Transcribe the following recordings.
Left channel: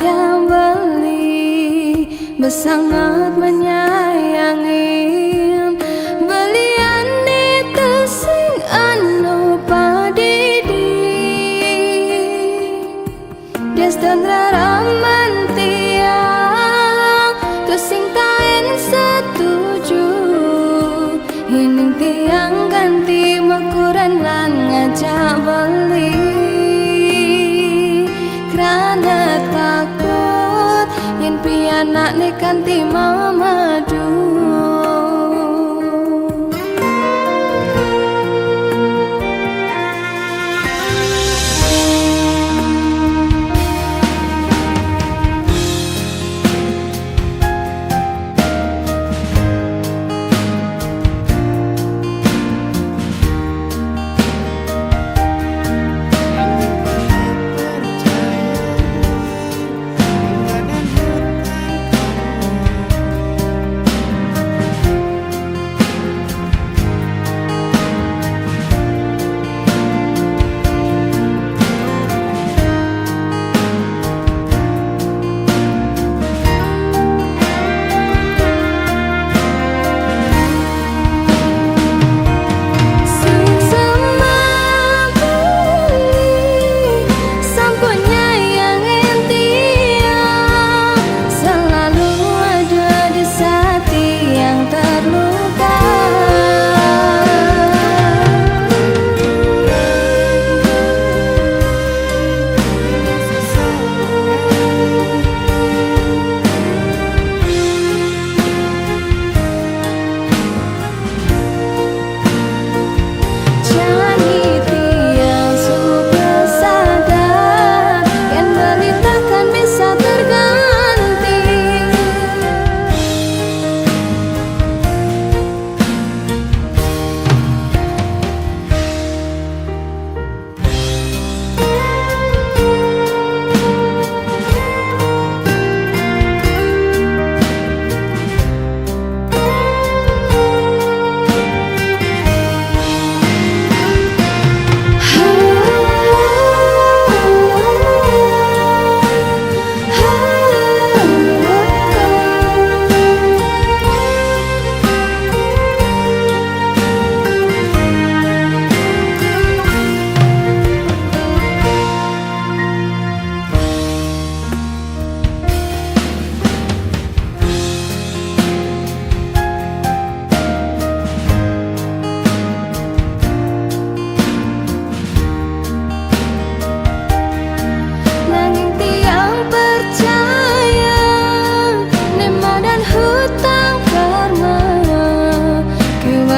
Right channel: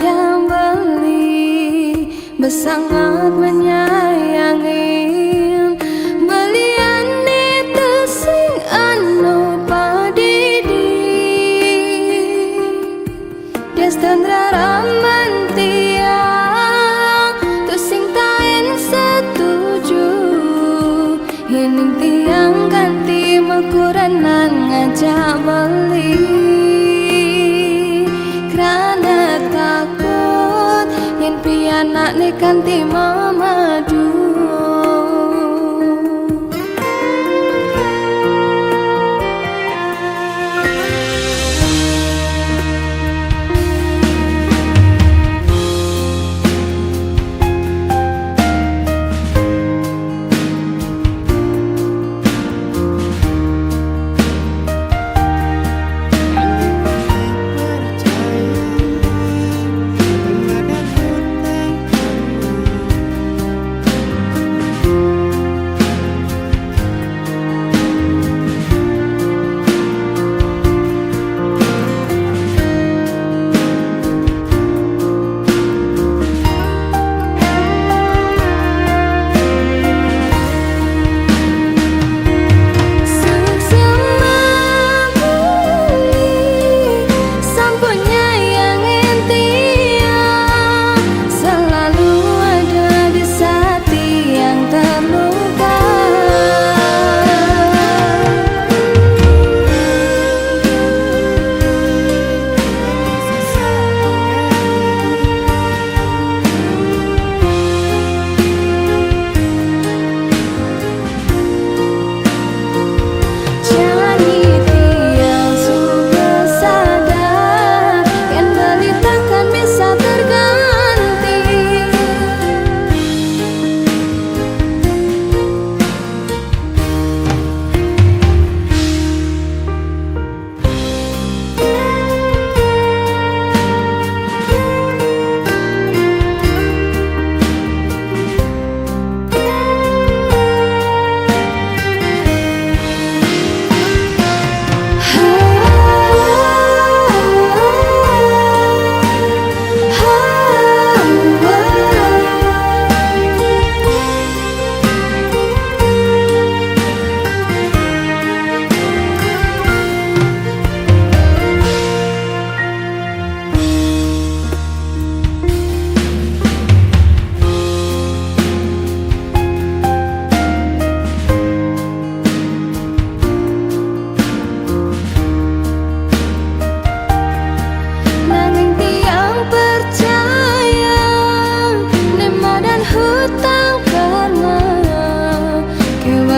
yang beli bersangat menyayangin belian itu sing anu padidi destan raraman tiang tu sing taen setuju hining tiang ganti makuranan ngajak beli karena takut yen pianak ne kanti mamadu.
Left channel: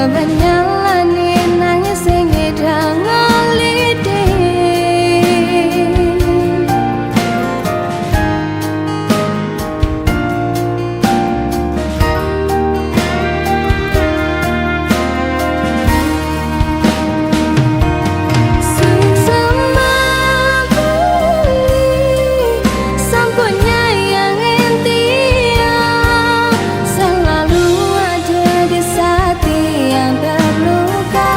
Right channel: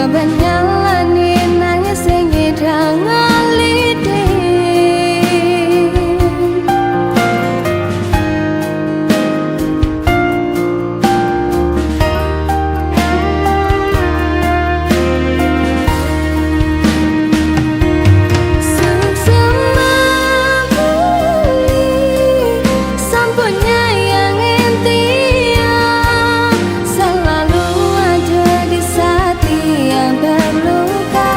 Banyalani nangis sing ngidang ngalide suksema beli sampun nyayangin tiang selalu ada di saat yang terluka.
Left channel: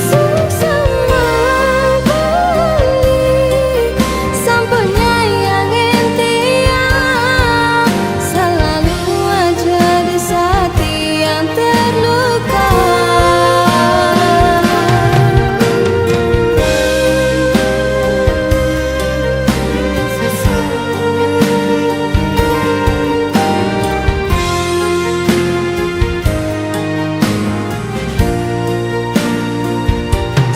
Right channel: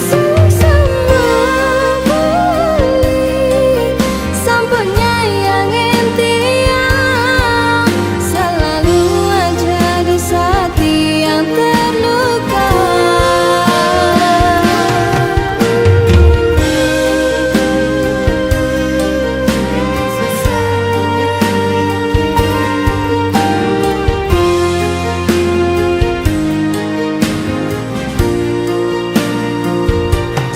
Suksema beli sampun nyayangin tiang selalu ada di saat yang terluka.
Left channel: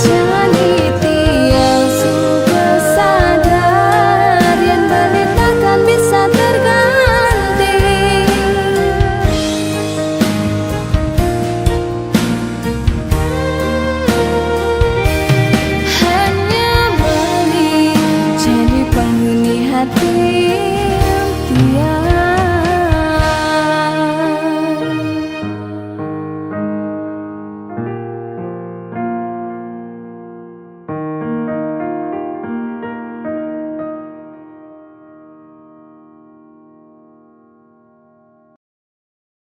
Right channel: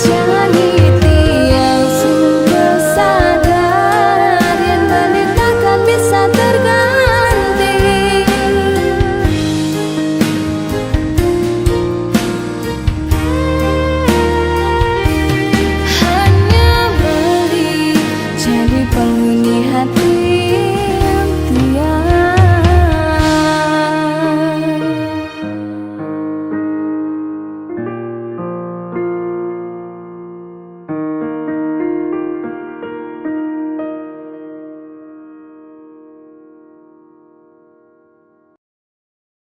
Jani tiang sudah sadar yang balik takkan bisa terganti. Hanya beli jadi penghuni hati.